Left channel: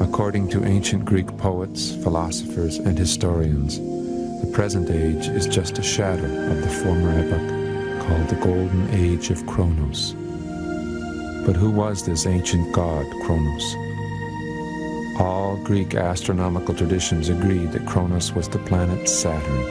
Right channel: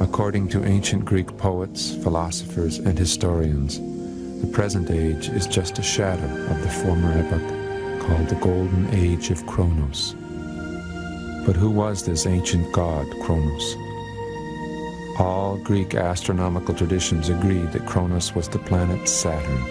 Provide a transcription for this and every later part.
According to ancient Greek poets, philosophers, and historians, the present age is just a shadow of the former epoch called the Golden Age of Kronos. But who was this ancient god, Kronos? All Greek astronomical traditions agreed that Kronos was the planet Saturn.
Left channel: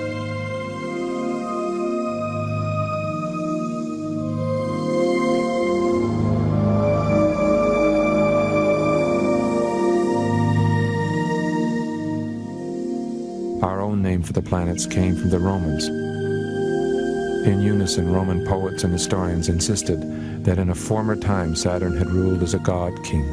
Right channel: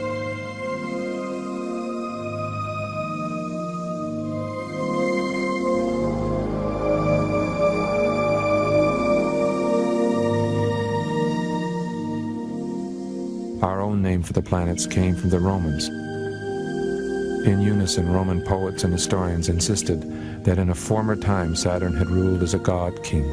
Our own name for the planets came from the Romans. In unison, Roman poets and historians insisted that in a former time Saturn had ruled as a god-king.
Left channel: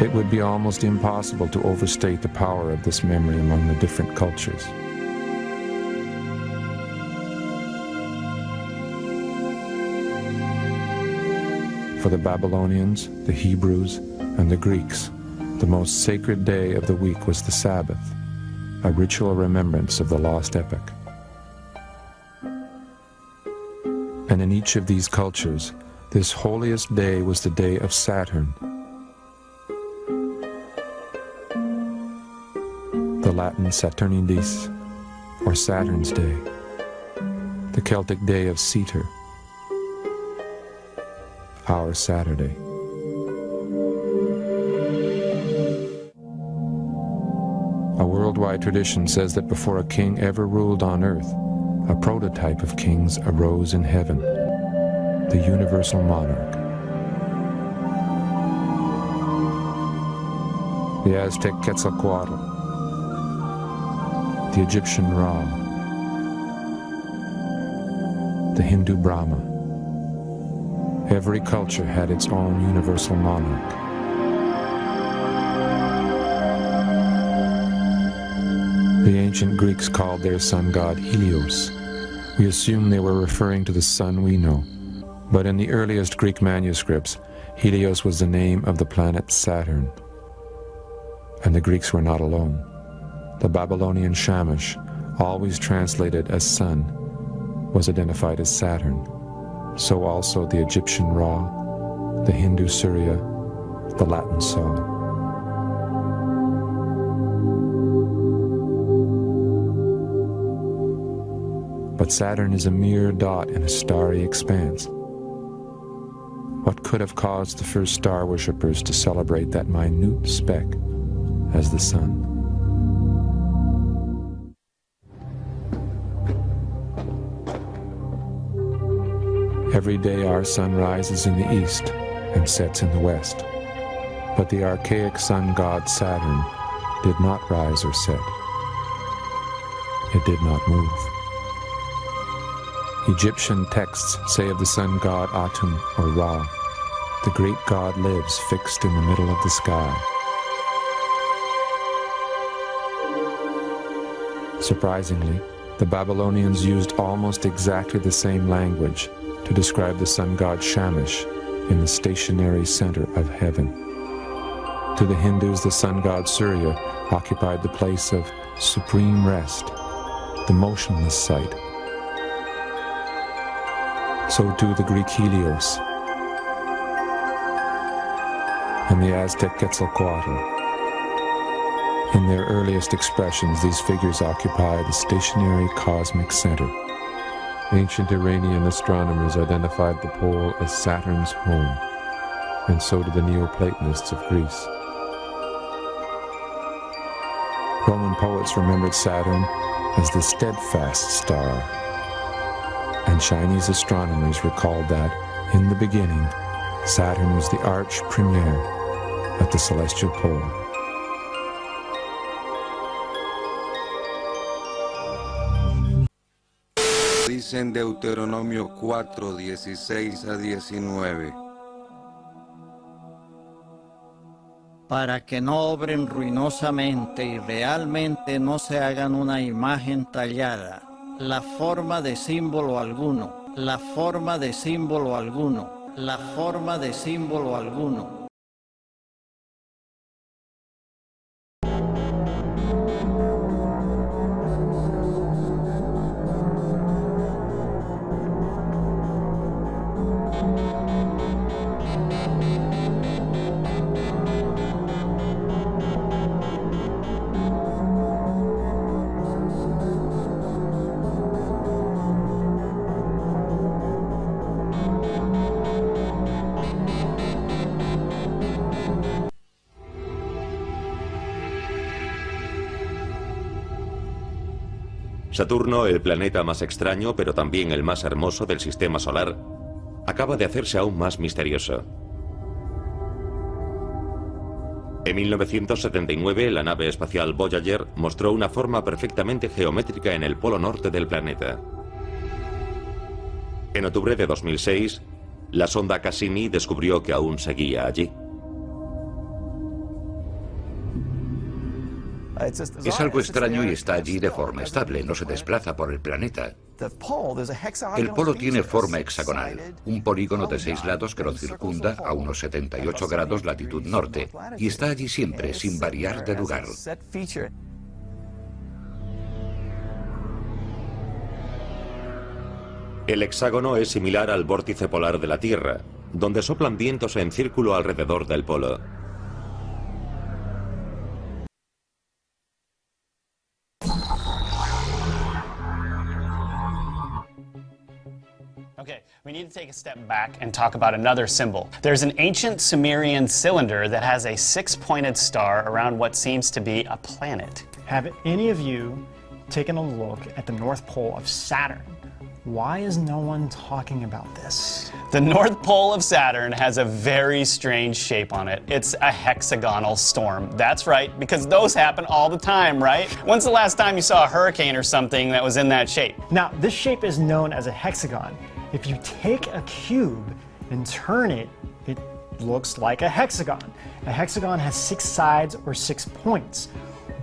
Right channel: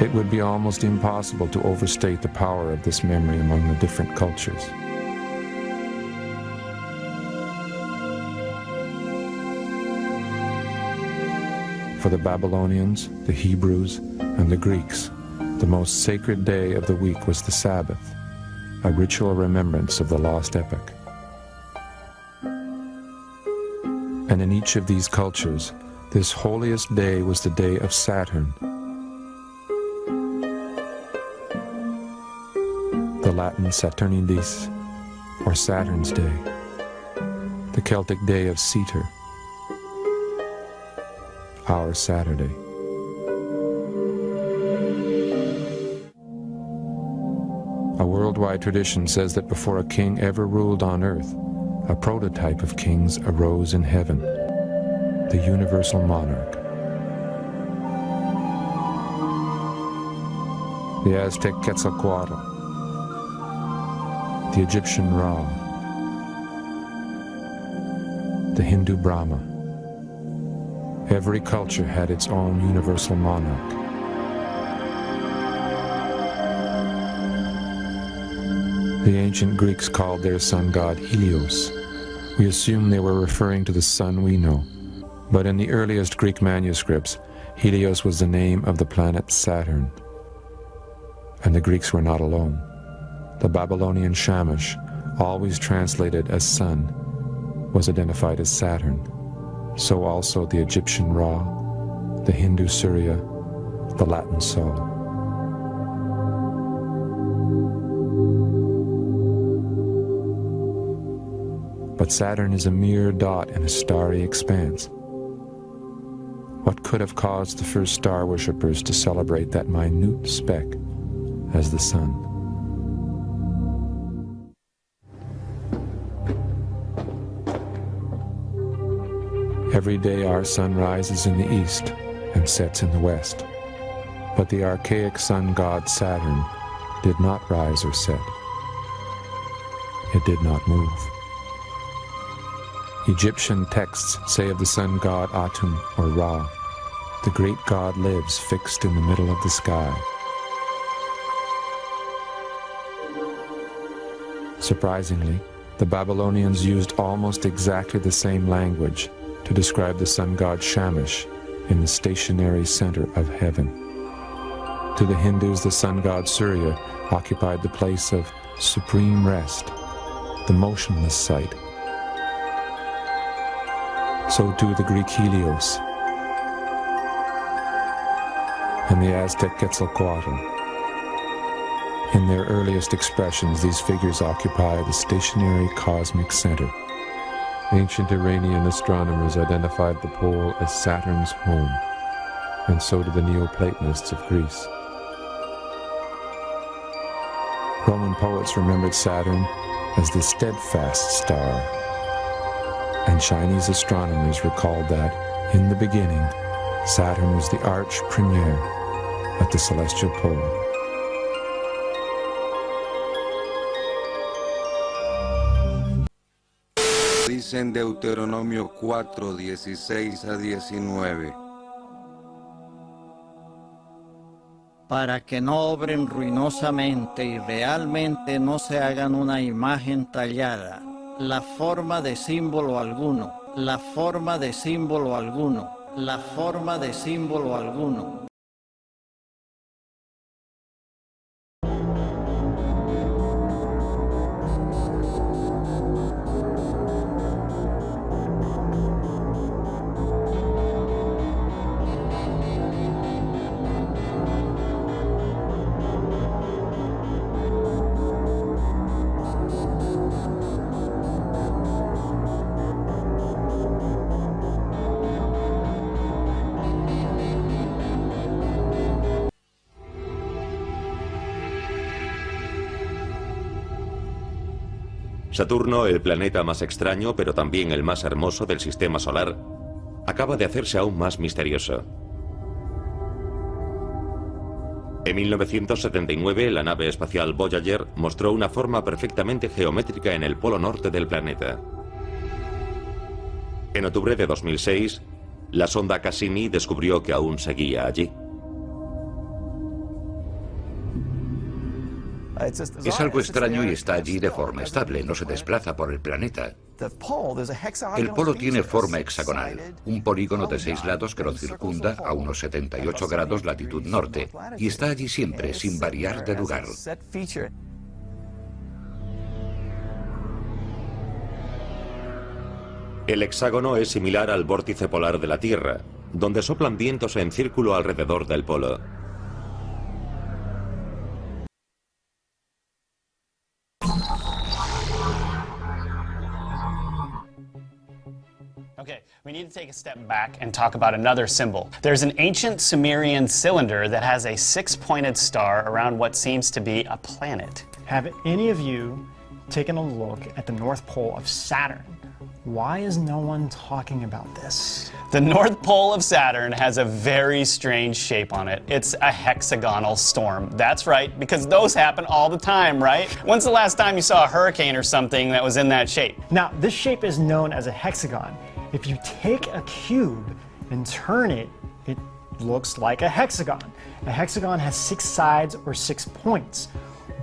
It would be almost impossible to overstate the power of this memory among the different cultures. For the Babylonians, the Hebrews, and the Greeks, the most sacred day of the week was the Sabbath, a ritual remembrance of the lost epoch. And in each of these cultures, this holiest day was the day of Saturn. The Latin Saturnidis, or Saturn's Day, the Celtic day of Ceter, our Saturday. A worldwide tradition says that before a king ever ruled on earth, a prototype of kings arose in heaven, the universal monarch. The Aztec Quetzalcoatl, the Egyptian Ra, the Hindu Brahma. Every culture had its own universal monarch. The ancient Greeks called their sun god Helios. We assume they were referring to the sun we know, but in the earliest Greek manuscripts, Helios was the name of the planet Saturn. And the Greeks were not alone. The Babylonian Shamash, always translated as sun, was identified as Saturn. So also the Egyptian Ra, the Hindu Surya, the Latin Sol. But Saturn is a mere dot in a starry expanse. What could have caused the first star worshippers to celebrate that minute speck as the sun? Every day our sun rises in the east and sets in the west. But the archaic sun god Saturn did not rise or set. It did not move. Egyptian texts say of the sun god Atum, or Ra, the great god lives fixed in the middle of the sky. Surprisingly, the Babylonians used almost exactly the same language to describe the sun god Shamash in the stationary center of heaven. To the Hindus, the sun god Surya occupied the place of supreme rest, the motionless sight. So too the Greek Helios and the Aztec Quetzalcoatl. In their earliest expressions, these figures occupy the stationary cosmic center. Ancient Iranian astronomers identified the pole as Saturn's home, and so did the Neoplatonists of Greece. Roman poets remembered Saturn as the steadfast star, and Chinese astronomers recalled that, in the beginning, Saturn was the arch premier at the celestial pole. Dice en Deuteronomio 4, 16 a 19. Para que no obren ruinosamente y realmente no se hagan una imagen tallada, la forma de símbolo alguno, la forma de símbolo alguno, la forma de símbolo alguno. Saturno, el planeta más extraño, pero también el más hermoso del sistema solar, acaba de hacerse aún más misterioso. En 1979, la nave espacial Voyager mostró una forma perfectamente geométrica en el polo norte del planeta. En octubre de 2006, la sonda Cassini descubrió que aún seguía allí. Es algo extraño y está allí de forma estable, no se desplaza por el planeta. El polo tiene forma hexagonal, un polígono de 6 lados que lo circunda a unos 78 grados latitud norte, y está allí siempre, sin variar de lugar. El hexágono es similar al vórtice polar de la Tierra, donde soplan vientos en círculo alrededor del polo. Okay, we need to take a step back and talk about another symbol. There's an ancient Sumerian cylinder that has a 6-pointed star around what seems to be a planet. Have any of you taken a look at the North Pole of Saturn? Why is no one talking about this? The North Pole of Saturn has a very strange shape on it. It's a hexagonal storm. That's right, because those happen all the time, right? When's the last time you saw a hurricane or something that was in that shape? Now, this shape is known as a hexagon. If you take a cube and turn it, it looks like a hexagon. A hexagon has 6 sides or 6 points.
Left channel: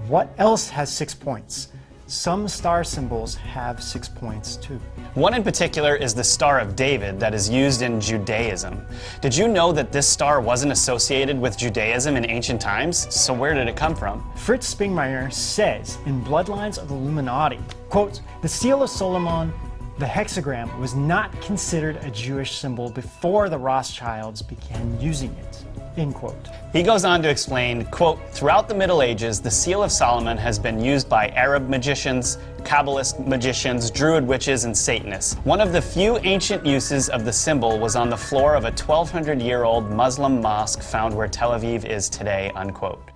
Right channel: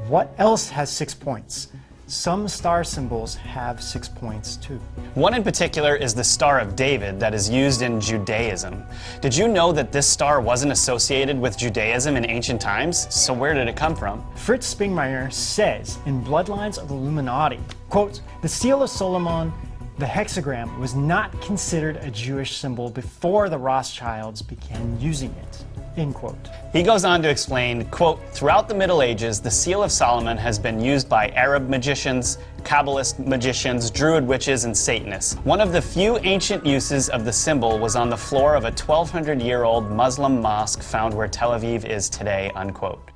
What else has 6 points? Some star symbols have 6 points too. One in particular is the Star of David that is used in Judaism. Did you know that this star wasn't associated with Judaism in ancient times? So where did it come from? Fritz Springmeier says in Bloodlines of the Illuminati, quote, the Seal of Solomon, the hexagram, was not considered a Jewish symbol before the Rothschilds began using it, end quote. He goes on to explain, quote, throughout the Middle Ages, the Seal of Solomon has been used by Arab magicians, Kabbalist magicians, Druid witches, and Satanists. One of the few ancient uses of the symbol was on the floor of a 1,200-year-old Muslim mosque found where Tel Aviv is today, unquote.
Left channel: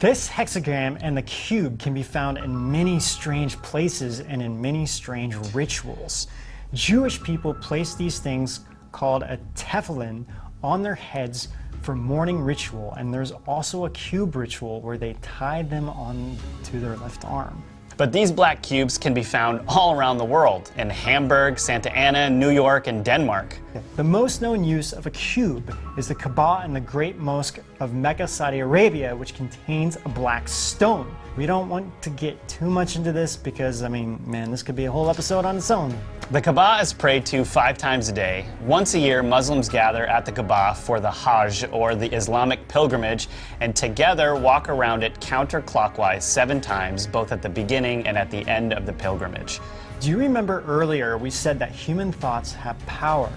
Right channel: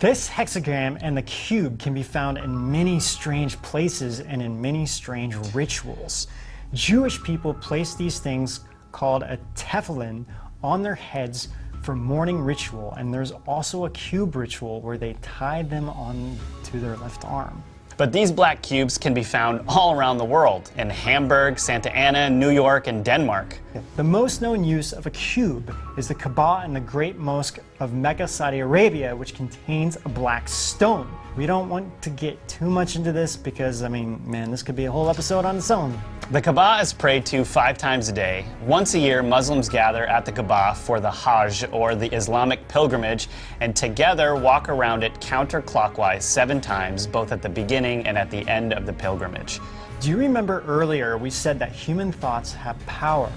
This hexagram and the cube can be found in many strange places and in many strange rituals. Jewish people place these things called a tefillin on their heads for morning ritual, and there's also a cube ritual where they tie them on to their left arm. But these black cubes can be found all around the world, in Hamburg, Santa Ana, New York, and Denmark. The most known use of a cube is the Kaaba in the Great Mosque of Mecca, Saudi Arabia, which contains a black stone. We don't want to get too much into this because, I mean, man, this could be a whole episode on its own. The Kaaba is prayed to 5 times a day. Once a year, Muslims gather at the Kaaba for the Hajj, or the Islamic pilgrimage, and together walk around it counterclockwise 7 times, both at the beginning and at the end of the pilgrimage. Do you remember earlier we said that human thoughts have power?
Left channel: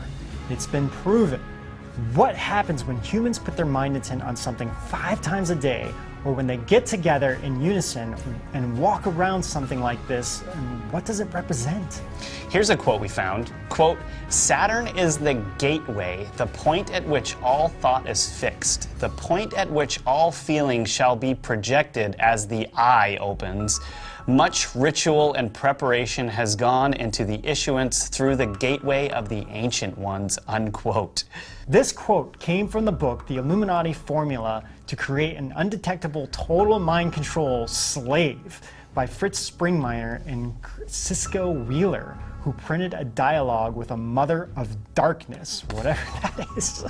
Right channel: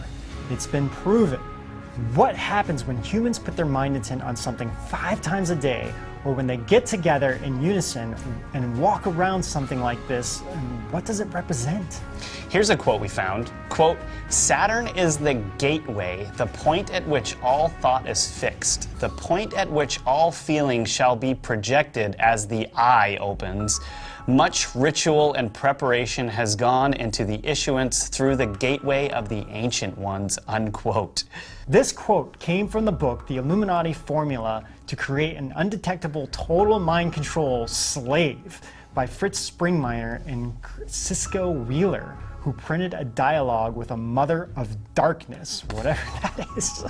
It's been proven. What happens when humans put their mind intent on something 5 times a day, or when they get together in unison and walk around something like this, and what does it represent? Here's a quote we found. Quote, Saturn is the gateway, the point at which all thought is fixed, the point at which all feeling shall be projected as the eye opens. Much ritual and preparation has gone into the issuance through the gateway of the ancient ones, unquote. This quote came from the book, The Illuminati Formula to Create an Undetectable Total Mind Control Slave by Fritz Springmeier and Cisco Wheeler, who printed a dialogue with a mother of darkness, whatever that is.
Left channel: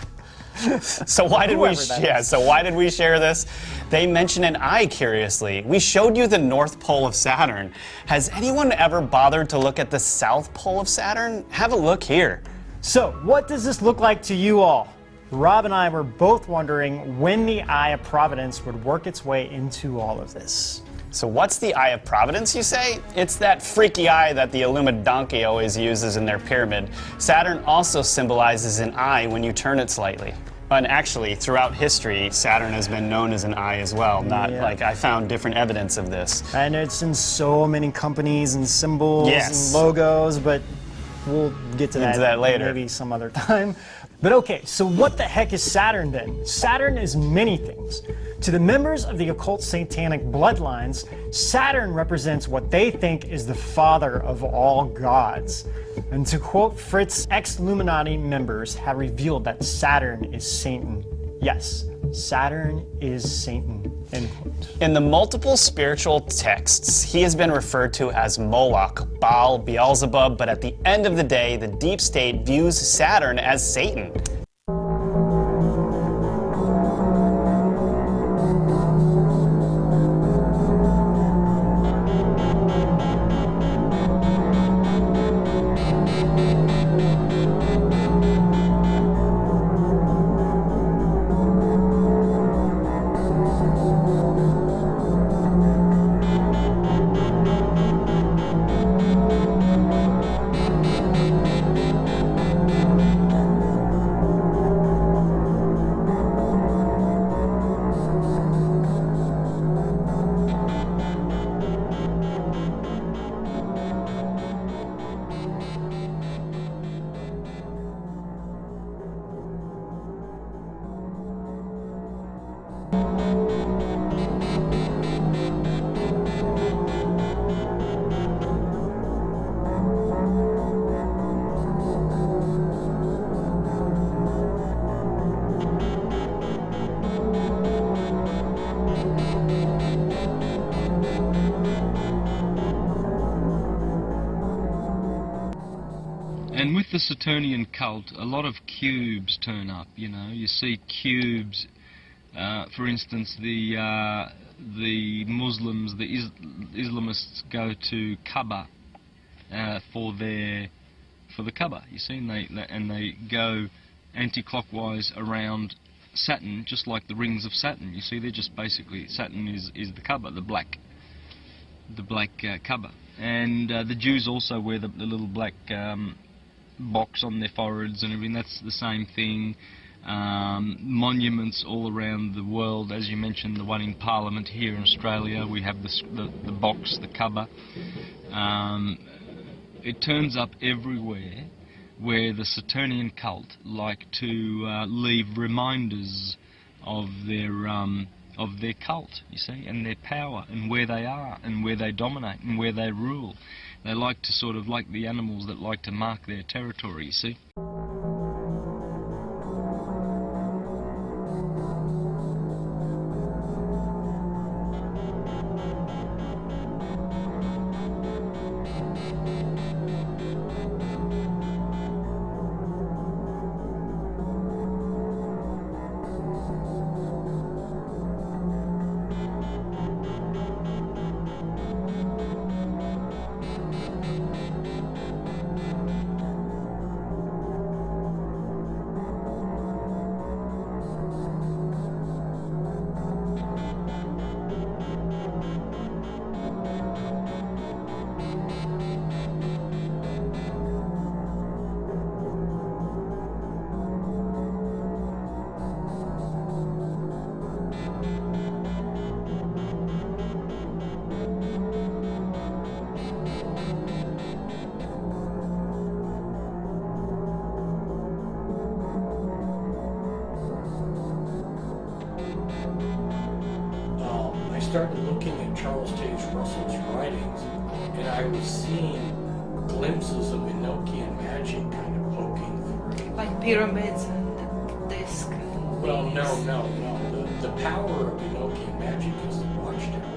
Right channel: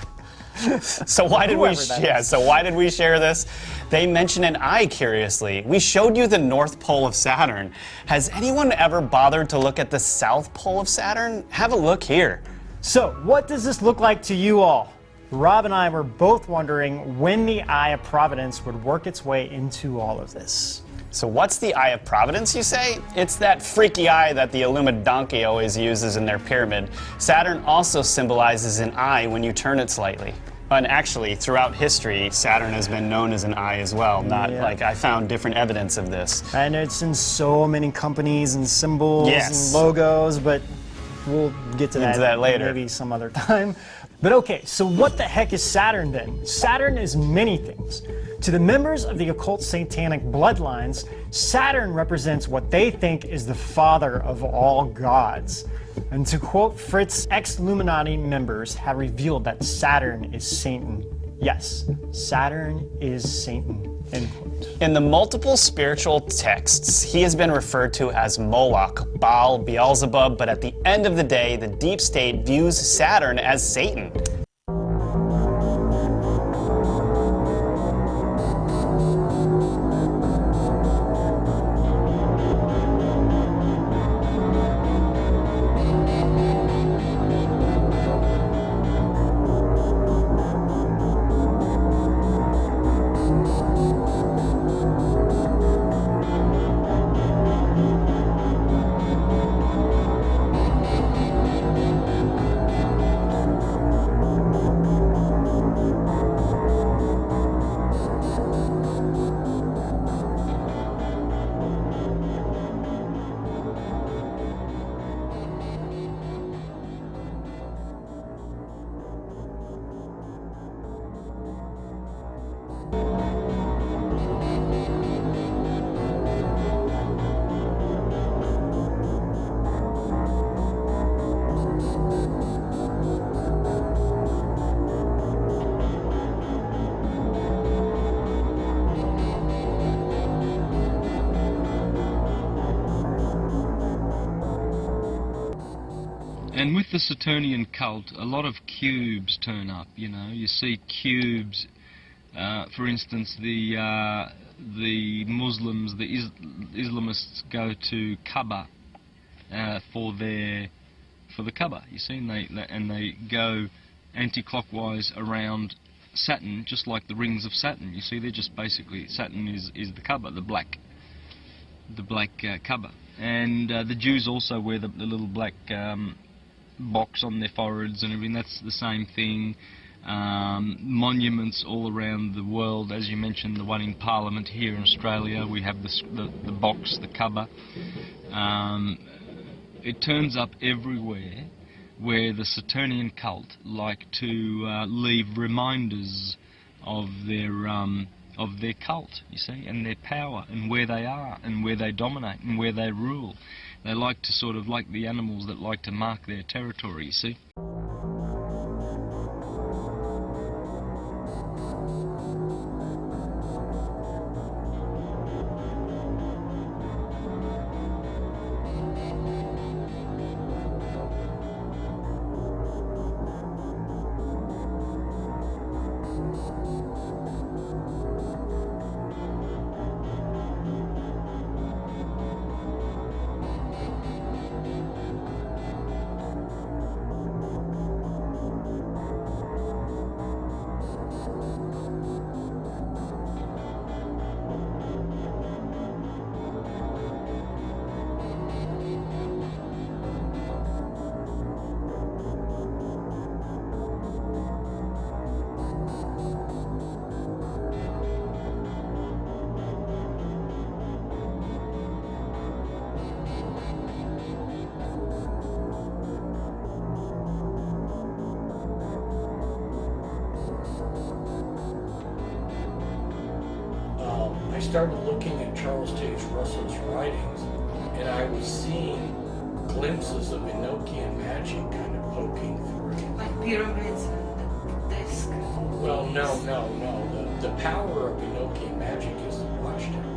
So why did we share this? They mention an eye, curiously. We showed you the North Pole of Saturn. Has anyone ever bothered to look at the South Pole of Saturn? Have a look here. So, what does this look like to you all? Rob and I were both wondering when the Eye of Providence would work its way into all of this. So what's the Eye of Providence, you say? It's that freaky eye that the Illuminati always uses in their pyramid. Saturn also symbolizes an eye when you turn it slightly. And actually, throughout history, Saturn has been known as an eye as well. Like, I found different evidence of this. And it's in so many companies and symbols Yes. and logos, but we'll get to Into that later. maybe some other time. But okay, so what the heck is Saturn then? Saturn is many things. To the members of the occult satanic bloodlines, Saturn represents what they think is the father of all gods. And to quote Fritz, ex-Illuminati members have revealed that Saturn is Satan. Yes, Saturn is Satan. End quote. In the multiple spiritual texts, he has been referred to as Moloch, Baal, Beelzebub, but at the end of the day, the deep state views Saturn as Satan. And with the Saturnian cult, a lot of cubes turn up. You know, you see cubes. For instance, the Muslims, the Islamists go to Kaaba for the Kaaba. You see, and they go anti-clockwise around Saturn, just like the rings of Saturn. You see, they're just basically Saturn is the Kaaba, the black Kaaba. And the Jews also wear the little black box on their foreheads and everything. That's the same thing. Monuments all around the world, as you mentioned, the one in Parliament here in Australia, we have the box, the Kaaba. It turns up everywhere where the Saturnian cult like to leave reminders of their cult, you see, and their power, and where they are, and where they dominate, and where they rule. They like to sort of, like the animals that like to mark their territory, you see. I started looking at Charles Taze Russell's writings, and I was seeing glimpses of Enochian magic kind of poking through. Like pyramids and disc. Well, no. The power of Enochian magic is the watchtower.